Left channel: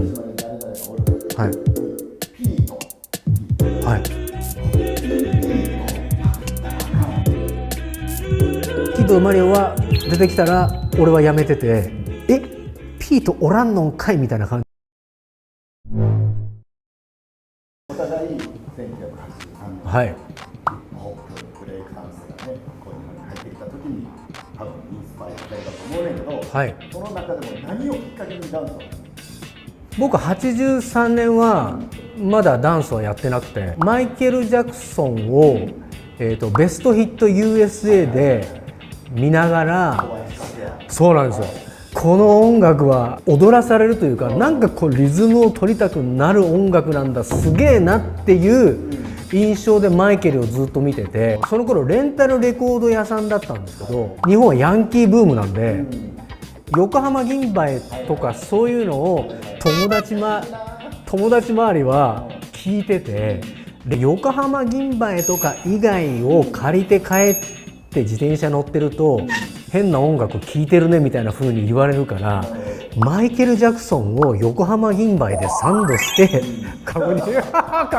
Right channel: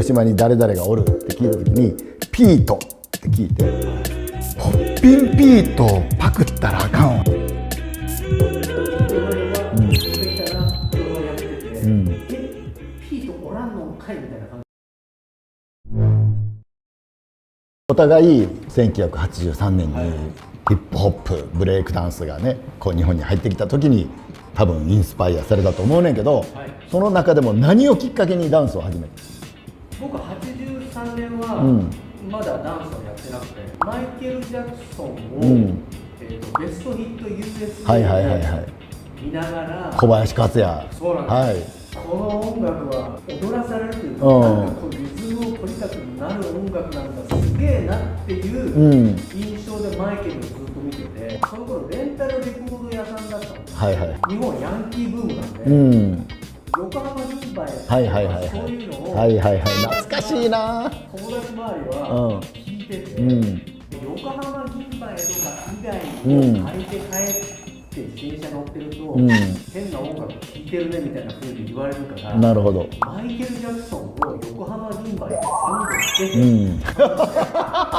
広島に誰々がおるって聞いた時に、ピートって聞いて、ホッピンピートをパクったらあかんわ。キッドとマリオは出てきたら俺はやめてて、ピートおらんのんかいみたいな感じ。お互い1983年にヒップホップブレイクダンスがねこう日本に入ってきた時に多分インスパイアされたと思うねんけど、その中でも何をきっかけにダンスを始めた？僕83年はまだダンスはやってなくて、マイケル・ジャクソンを、ベストヒット USA で見ながら、小林克也、そうなんですよ、この音楽は踊らされるというか、なんかこうリズムを取りたくなる音楽なんだ、すげえなっていう印象でマイケルをずっと見てて、その頃レンタルレコード屋さんだったんですけど、日本はヤンキーブームなんで、横浜銀蝿とかそういうのを友達周りは聞いてて、で横浜銀蝿とか以外を借りて帰って自転車乗ってると、変な音楽聴いてるねみたいな風に言われるから、マイケル・ジャクソンを横浜銀蝿でサンドして、カ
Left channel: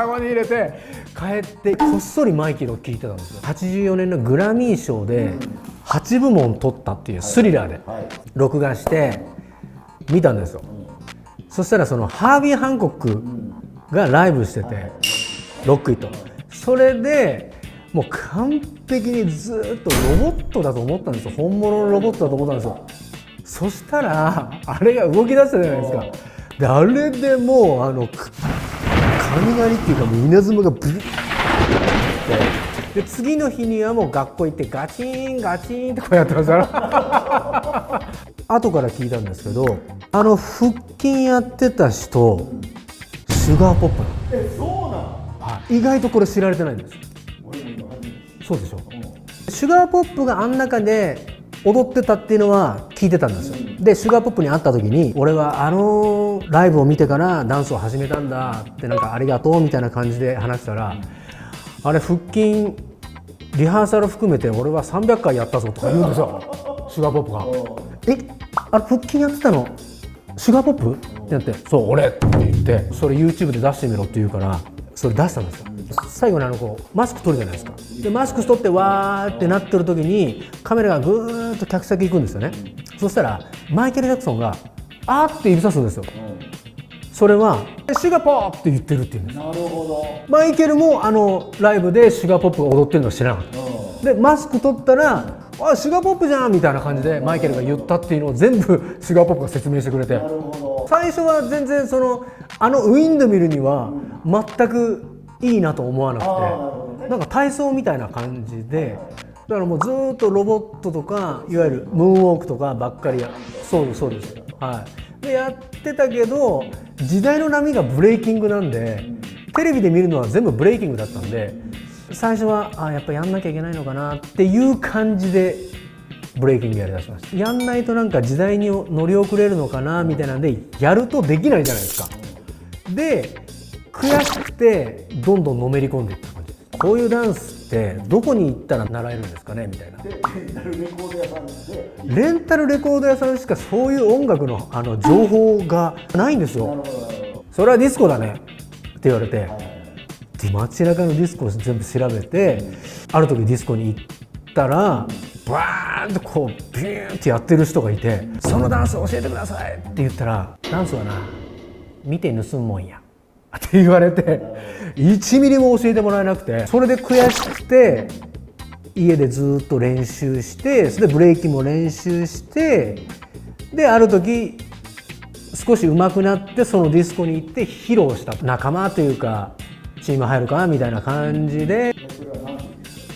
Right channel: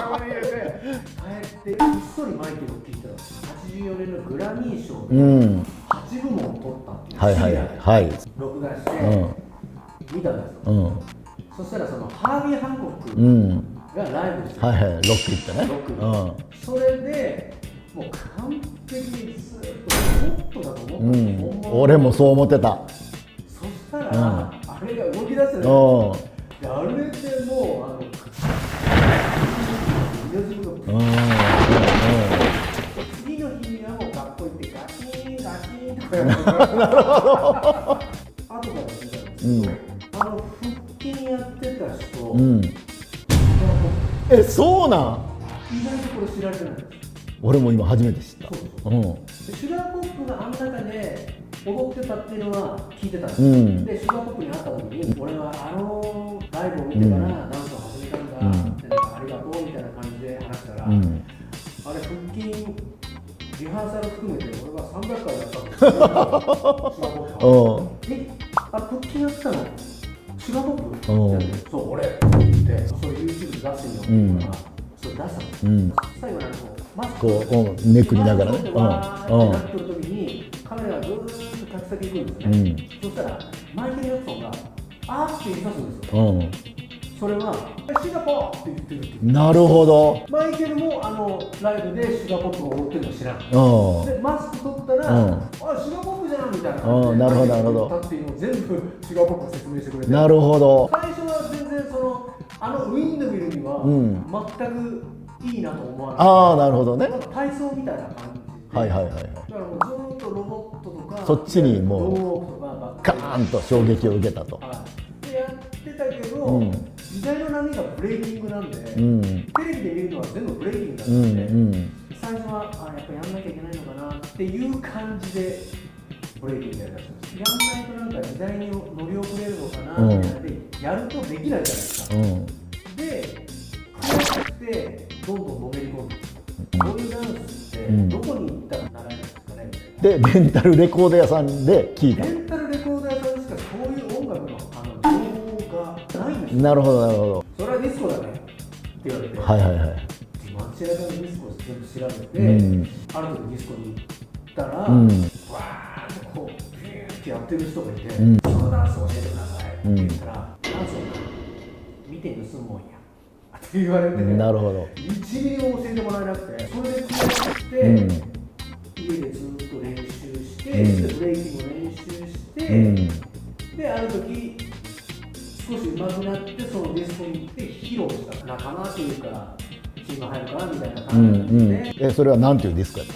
ゴに入れて帰ってこっそりマイケルを聴いてたんですよ。84年のグラミー賞で8部門取ったっていうスリラーで録画して見たんですよ。そしたらそのハービー・ハンコックがライブしてて、ロックイット、それでもう完璧にずっとロボットだと思ったんですよ、本物のロボット。俺もそう思ってた。そしたら、あれが動き出したじゃないですか。であれでもう雷っていうか稲妻がブーンで、次の日にはもう学校行ってガチンガチンってこうやってます後から聞いたんですけど、腹筋やってた人、シュガーポップ。そうなん？意外とこれ知られてないんです。俺も今初めて知った。そうでしょ、シュガーポップがあん中で踊ってたっていうのは聞いてたんですよ、でシュガーポップに会った時に、俺はライブを見てからダンスを始めたんだって、なんかありがとうみたいな感じで話したら、あれ腹筋リハーサル含めて俺は300回やったぞって言うんですよシュガーポップが。あれ腹筋やってたのシュガーポップってやって、そう俺って言って、それ YouTube で出してみろって言うから、それ出したんですよ、最後にマスク取るじゃないですか、でマスク取ってわーってなってる時にカメラがぐーっと客先行くんですよね、そしたらマイケル・ジャクソンがあーって指さすんですよ、それはシュガーポップって言ってるっていう。なるほど。マイケルもライブでシュガーポップが踊ってるのは知らなかった、でマスク取ったら、あシュガーポップじゃんみたいな感じでマイケルが言ったっていうのを全部シュガーポップが説明してくれて。なるほど。最初は全然ウィンドミルには全くいいなと思わなくて、なるほどね。なんか体操みたいな感じで、だからもうずっとロボットとかそっちにムーンウォークとかばっかりガーンと衝撃を受けたと。でやってたけど、時代の波がブレイキングなんで、テレビで見るのは全部ブレイキングだったんで、最初はやっぱやんなきゃいけないのかなっていう感じでブレイキングやりだしました。やんないとなんか時代に乗り遅れるのかなみたいなんで、やるとできないじゃないですか、で悔しくてどんどんのめり込んでいった感じ。こういうダンスってどこに行ったら習えるんですかねみたいな。でレンタルレコード屋さんで聞いて、レンタルレコード屋さんしかそういう音楽の情報がないんですよ。なるほどなるほど。それはディスコだねって言われて、で街中のディスコを全部調べて、ある時ディスコに行ったら、バーンとこうビューンってやってる人がいて、そのダンス教えてくださいって言ったら、ダンスはな見て盗むもんやって言われて、1ミリも教えてもらえなくて、それで悔しくて、家でずっと練習して、それでブレイキンも練習して、である時少し上手くなってそのディスコに行って披露した。仲間というかチーム入るかなみたいな感じで。それは何ていうディスコやった？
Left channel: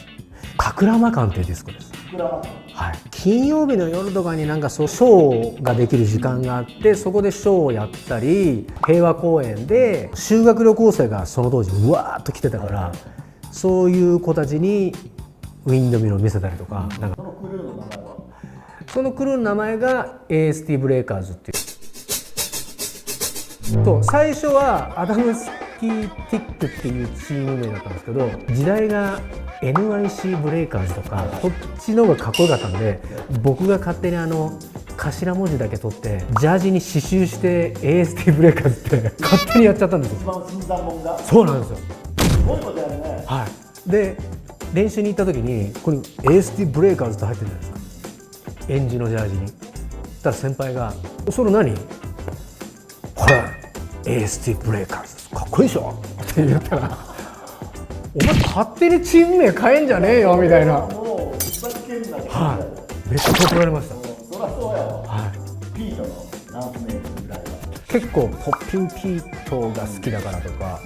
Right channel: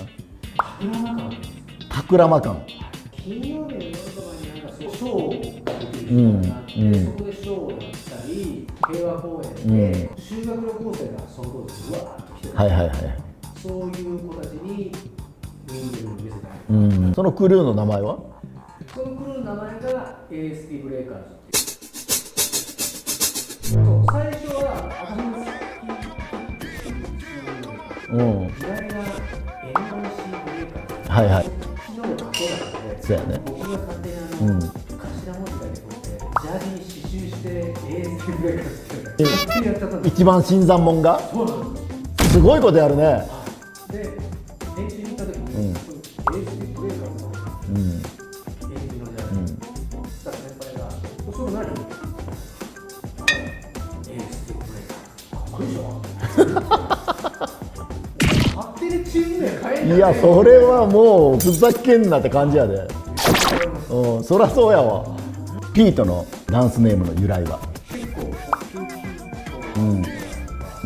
カクラマ館っていうディスコです。カクラマ館。金曜日の夜とかになんかショーができる時間があって、そこでショーをやったり、平和公園で修学旅行生がその当時うわーっと来てたから、そういう子たちにウィンドミルを見せたりとか。そのクルーの名前は？そのクルーの名前が AST ブレイカーズっていう。最初はアダムスキーティックっていうチーム名だったんですけど、時代が NYC ブレイカーズとか、そっちの方がかっこよかったんで、僕が勝手に頭文字だけ取ってジャージに刺繍して AST ブレイカーズって勝手にやっちゃったんです。一番新参者がそうなんですよ。すごいことやるね。で練習に行った時にここに AST ブレイカーズって入ってるんですよ、エンジのジャージに。そしたら先輩が「それ何？ほら AST ブレイカーズかっこいいでしょ」って言ったらお前勝手にチーム名変えんじゃねえよみたいな。それはもうふざけんなって感じやで。めっちゃ怒られました。そりゃそうやわ。ピートのダンスネームの由来は結構ポッピンピートが好きだからとか、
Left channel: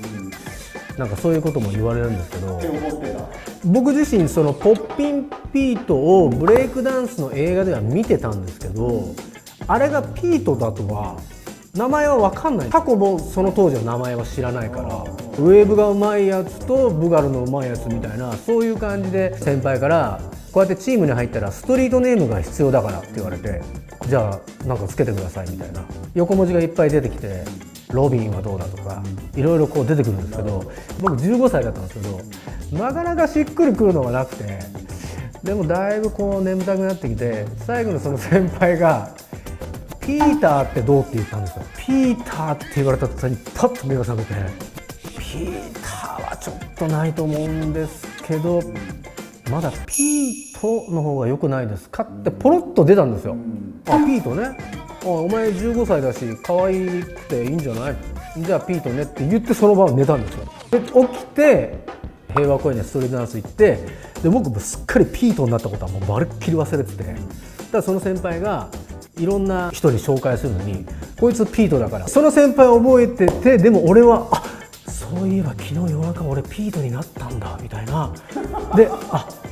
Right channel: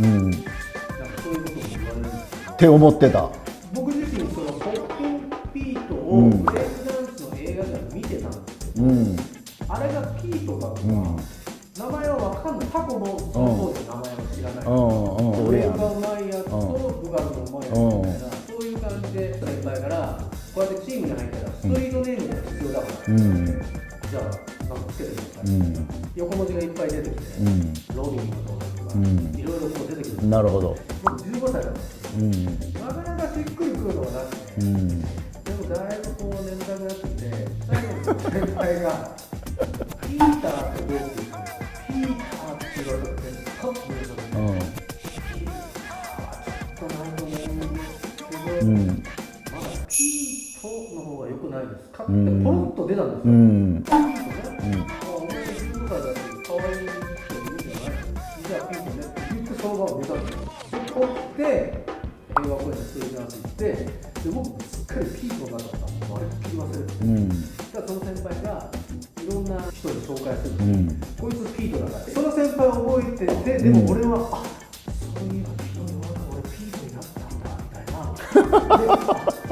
なんかそういうことも言われるんですけど、って思ってた。僕自身そのポッピンピートをブレイクダンスの映画では見てたんですけど、あれがピートだとは名前は分かんない。タコもその当時の名前は知らないから、ウェーブがうまいやつとブガルのうまいやつみたいな、そういう感じで先輩からこうやってチームに入ったらストリートネームが必要だからって言われて、じゃあなんかつけてくださいみたいな、横文字がいっぱい出てきて、ロビンはどうだとか、いろいろこう出てくるんですけど、僕15歳だったんですけど、なかなかしっくりくるのがなくて、でもだいぶこう眠たくなってきて、最後のその先輩がピーターってどうって言ったんですよ。ピーターって言われた時にパッと目を覚めて、ピーターはちょっとないと思うんですけど、まだピートの方が良くないですかってポロッと出たんですよ。あ、ピートね、お前15歳だし可愛くていいんじゃない、じゃあピートねって言ってその場を寝たんですよ。で起きて平和公園にストリートダンス行って、で僕もすっかりピートになったことはもうまるっきり忘れてて、だからその先輩がいろんな人に紹介するのに、こいつピートだから、その先輩覚えてて、でも俺はあ、そういえば昨日夜中俺ピートになったんだみたいなで、あ、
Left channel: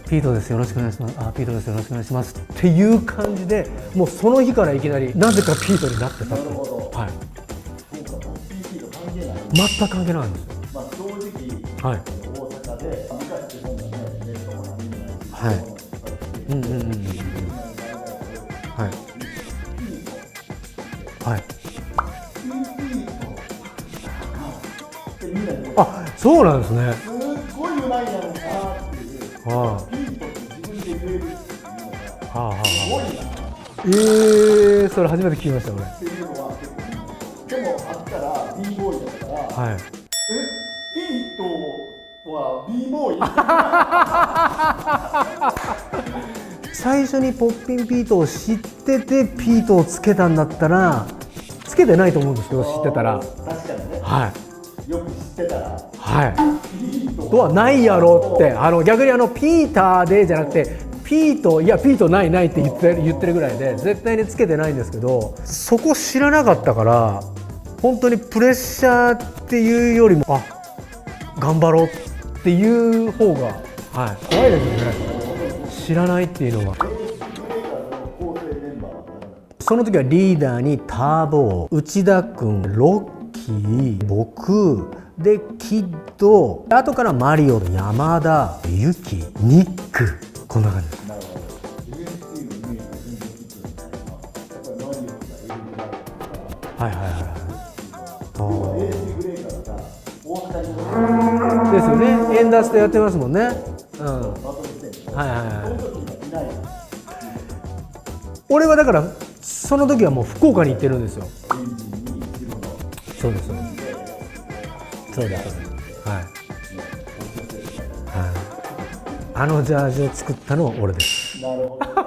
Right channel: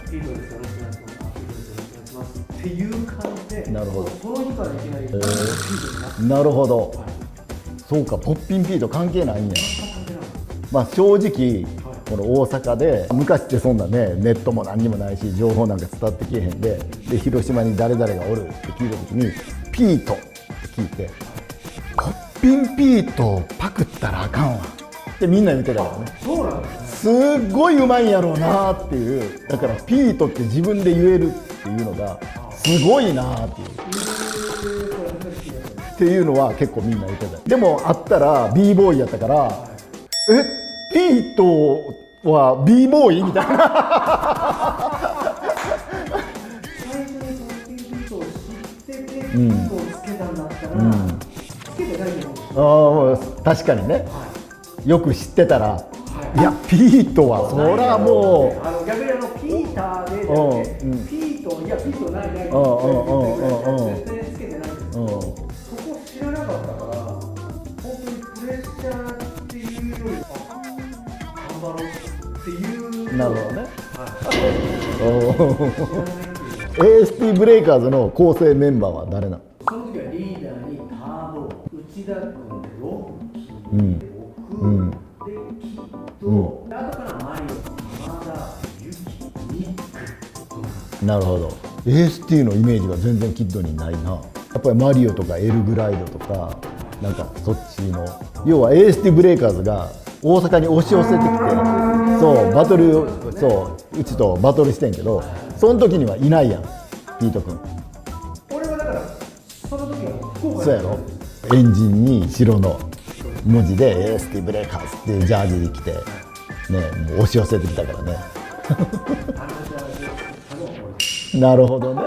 ピートですよろしくお願いします、あ、ピートですよろしくお願いしますっていう感じで、もうその日からいきなりなぜかピートになって。なるほど、そうか、ポッピンピート関係ないね。全く関係ないんです。まあ正直、この大阪で昔ってそんなね、ネットも何にもないし情報なんか伝わってけへんで、で広島に誰々がおるって聞いた時に、ピートって聞いて、ポッピンピートをパクったらあかんわってみんな言ってた。あ、そうなんですね。すっごいうまいんやろうなっていう、だからピートって自分で言えるっていうのがすごいなっていう。それ初めて聞きましたね。っていうのは結構みんな言ってた。でもあったら b ボーイやったから、ピートは b ボーイみたいな最初にポッピンピートを知っててピートをつけたんだったら、つけてないと思うんですけど、知ってたら。確かにね、よく知ってたら、いやピートはないやろって、逆にピーターでじゃなくて、ピート、いやピートないないって言ってるぐらいで絶対につけてないんですけど、そこ知らなかったから本当にプレッシャーっていうよりも、あ、頑張ろうっていう方がね、知らないっていうのは。 AST ブレイカーズの構成メンバーは誰なの？その時はリーダーにターボー、内田君、ロッキー、僕、でキッド、後からマリオ、山田、ユキ、ニック、こんな感じ。なるほど。 AST のイメージは全然キッドにないな。やっぱりマリオとかエルグライドとか、そっちの要は AST ブレイカーズが大阪に押し寄せてきて、そうバトルやってますもんね。うちとバトルしてんけど、その時にはいないやん、ピート君。俺はだからその時はもう福岡に行ってるんですよ。エンジンに白の文字で AST ブレイカーズっていうジャージに着て、ね、もう押し寄せてきたからね。あのジャージを作ったのは俺です。なるほどね。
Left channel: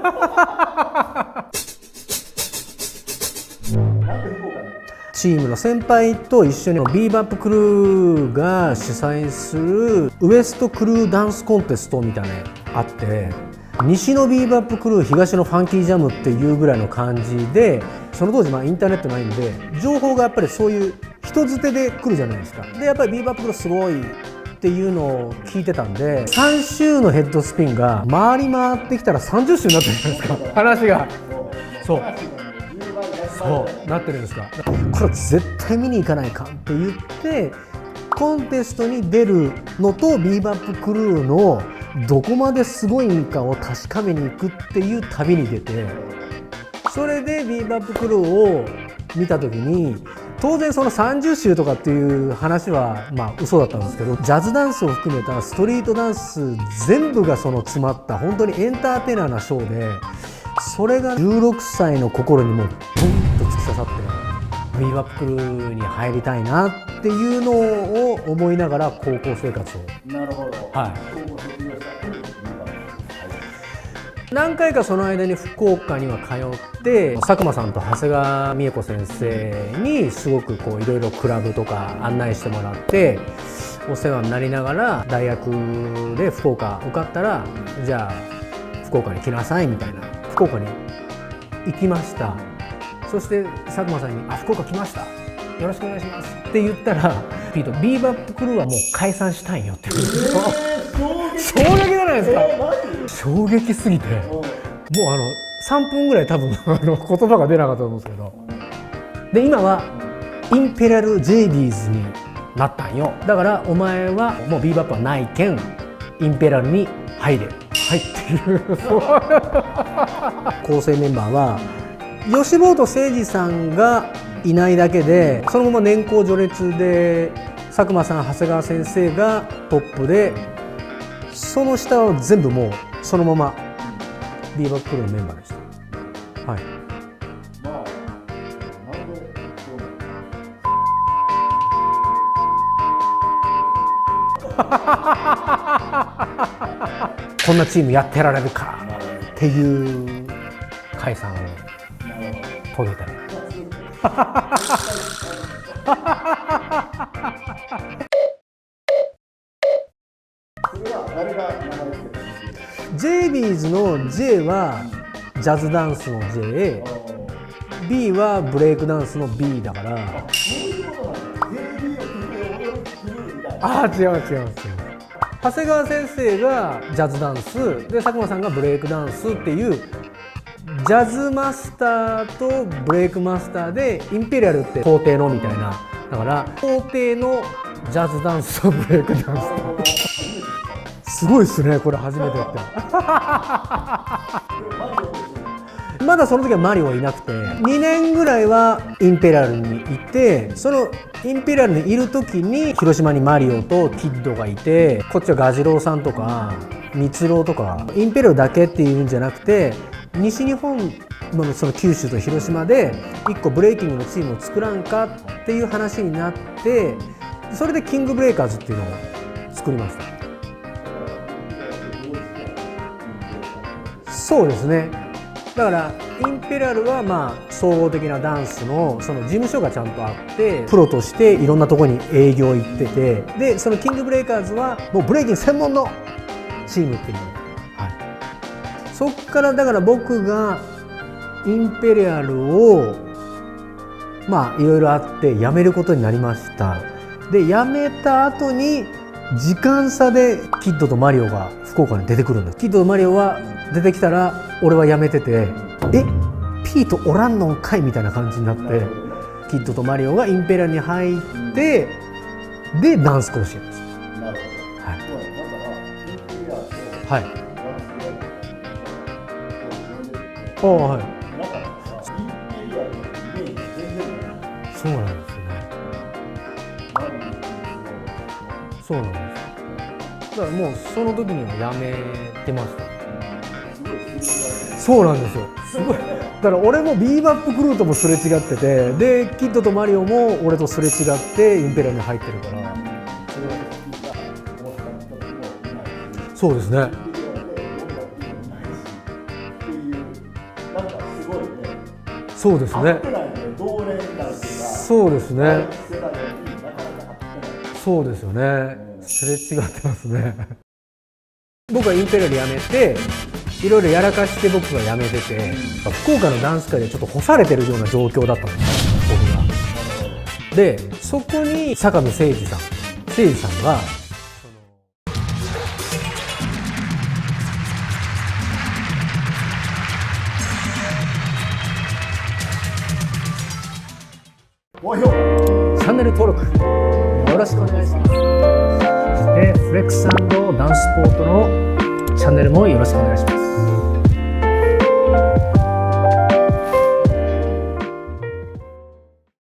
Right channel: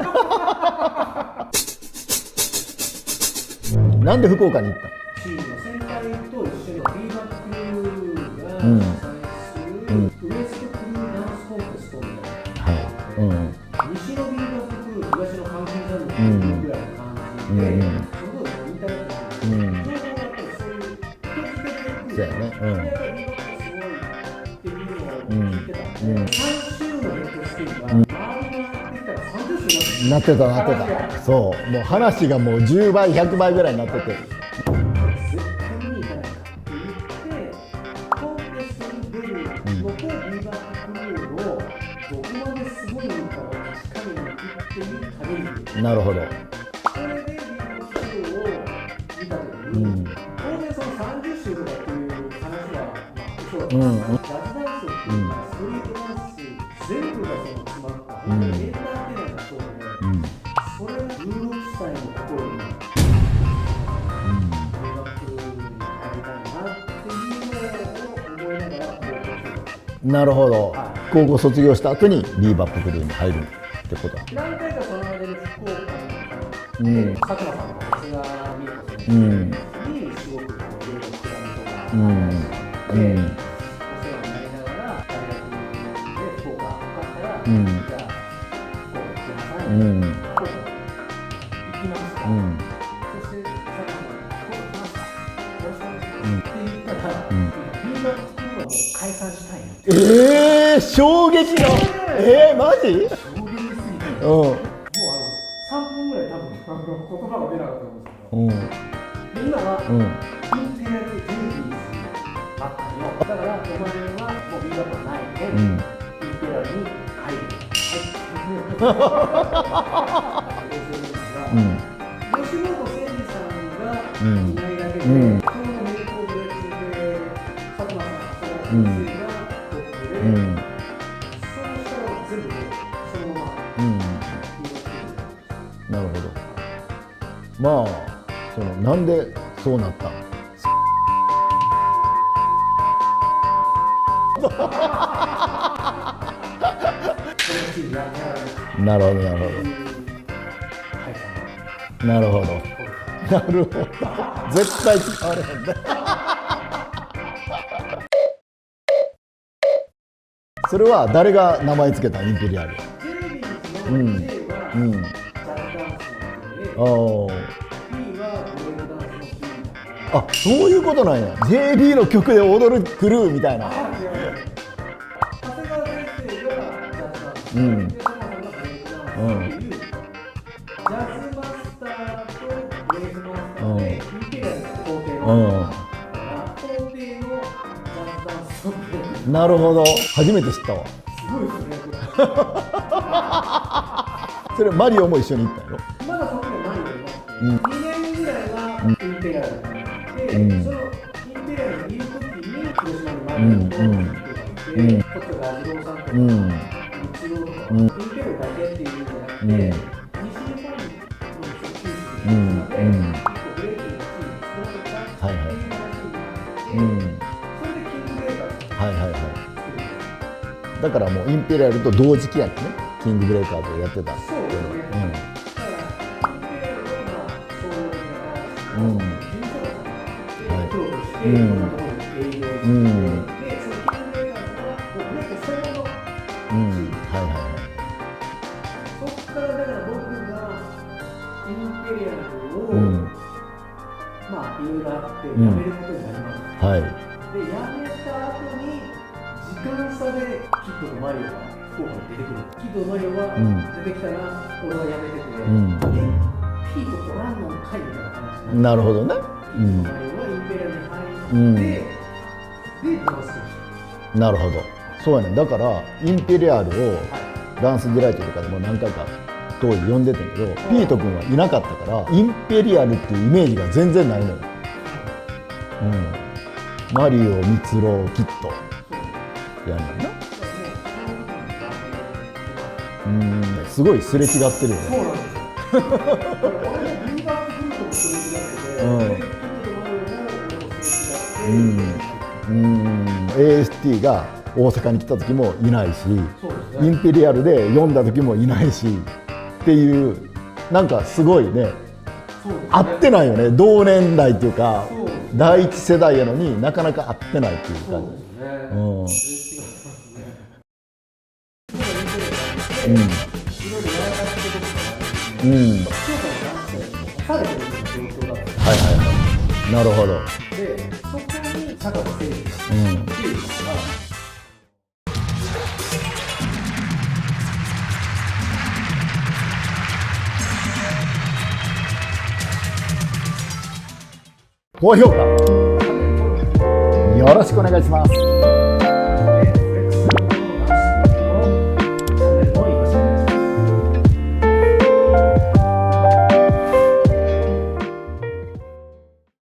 なんで福岡に行ったの？チームの先輩と一緒にビーバップクルーが主催するウエストクルーダンスコンテストみたいなのがあって、西のビーバップクルー、東のファンキージャムっていうぐらいの感じで、その当時インターネットないんで情報がやっぱりそういう人づてで来るじゃないですか。でやっぱりビーバップクルーすごいっていうのを聞いてたんで、3周のヘッドスピンが回り回ってきたら30周になってた話が、もう話がもう10倍100倍ぐらいになってるんですか。これ絶対見に行かないかって言ってコンテストに出るのとビーバップクルーのどこまですごいかを確かめに行くっていう旅に出て、なるほど。それでビーバップクルーを見た時に、当然その30週とかっていう話はまあ嘘だったんですけど、ジャズダンスを含めたストリートダンス全部がその詰まった本当にエンターテイナーなショーで、それが16歳の心にもブンと突き刺さって、ビーバップクルーに入りたいなっていうのを思いながら高校生活を。なるほど、はい、高校卒業した後にビーバップクルーに入るってこと。何回かその間に福岡には通って、佐久間さんと長谷川美恵子先生にすごくこういろいろクラブとか案内してもらって、お世話になりながら大学で福岡受かったら、じゃあ福岡に来なさいみたいな、福岡に行きました、そして佐久間さんに「福岡来ました、よろしくお願いします」って言ったら、ビーバップクルーはもう解散したいよって衝撃じゃないですか。マジ衝撃すぎて、もう3分ぐらい多分言葉が出なかったと思うんですけど、で今はインペリアル J ビーズになったんよ。だからお前はもうビーバップはないけん、インペリアルに入れ、はいっていう構成メンバーは、吉本誠二さんがいないだけで、そのまま年功序列で佐久間さん、長谷川先生がトップで、その下は全部もうそのままビーバップクルーのメンバーでした。なるほど。はい、まあなんでそうなったこんなチームやってられるからなるほどっていう解散をなるほど遂げた。なるほど絶対使われへんそれは誰が名前つけたインペリアル。 J ビーズの J はジャズダンスの J、B はブレイクダンスの B だから。あ、そういうことなんや。 JB の曲で踊るクルーみたいな。あ、違う長谷川先生がジャズダンス、で佐久間さんがブレイクダンスっていう、ジャズマスターとブレイクマスターで、インペリアルって皇帝のみたいな、だから皇帝のジャズダンスとブレイクダンス。なるほど、初めて知ったわ。すごいですね、これ初めて。それマリオも一緒に行ったの？まだその時はマリオはいなくて、2年ぐらいはインペリアルにいて、そのインペリアルにいる時に広島にマリオとキッドがいて、こっちはガジロウさんとか蜜郎とか、インペリアルだけっていうんじゃなくて、西日本のその九州と広島で1個ブレイキングのチームを作らんかっていう話になって、それでキングブレイカーズっていうのを作りました。だからもうインペリアルと同時期やってね、キングブレイカーズをやってた。そうですね、だからインペリアルはまあ総合的なダンスのその事務所がちゃんとあって、プロとしていろんなところに営業行ってて、でそのキングブレイカーズはもうブレイキン専門のチームっていう、そっからだから僕がインペリアルをまあいろいろあって辞めることになりました。で辞めた後に時間差でキッドとマリオが福岡に出てくるんです。キッドとマリオは出てきたら俺は辞めてて、ピートおらんのんかいみたいな感じになって、なるほどね、キッドとマリオがインペリアルに入って、でダンス甲子園です。なるほど、そうやね。だからインペリアルをダンスデライトとかでも何回か当時呼んでたけど、ピート君はいなかったからインペリアルっていうイメージが全然ないのよ。そうなんですね、マリオ、ミツロウ、キッド、そうなんですやねんな。だからもうその時にはやめてます。すごいすれ違ってるよね。そうなんですよ。すごい。だから俺もビーバップクルーともすれ違ってて、でキッドとマリオも俺とすれ違ってインペリアルに入ってるから。AST が大阪に来た時もいないし、そうですね。インペリアルで読んだ時もいないしっていう、なんかすごいね。そうですね。合ってないよね。同年代っていうか、そうですね。第一世代やのになかなか合ってないっていうか。そうですよね。すれ違ってますね。僕はインペリアル辞めて、いろいろやらかして僕が辞めてて、福岡のダンス界でちょっと干されてるような状況だったんです。なるほど。でそこに坂野誠二さん、誠二さんが高評価、チャンネル登録よろしくお願いします。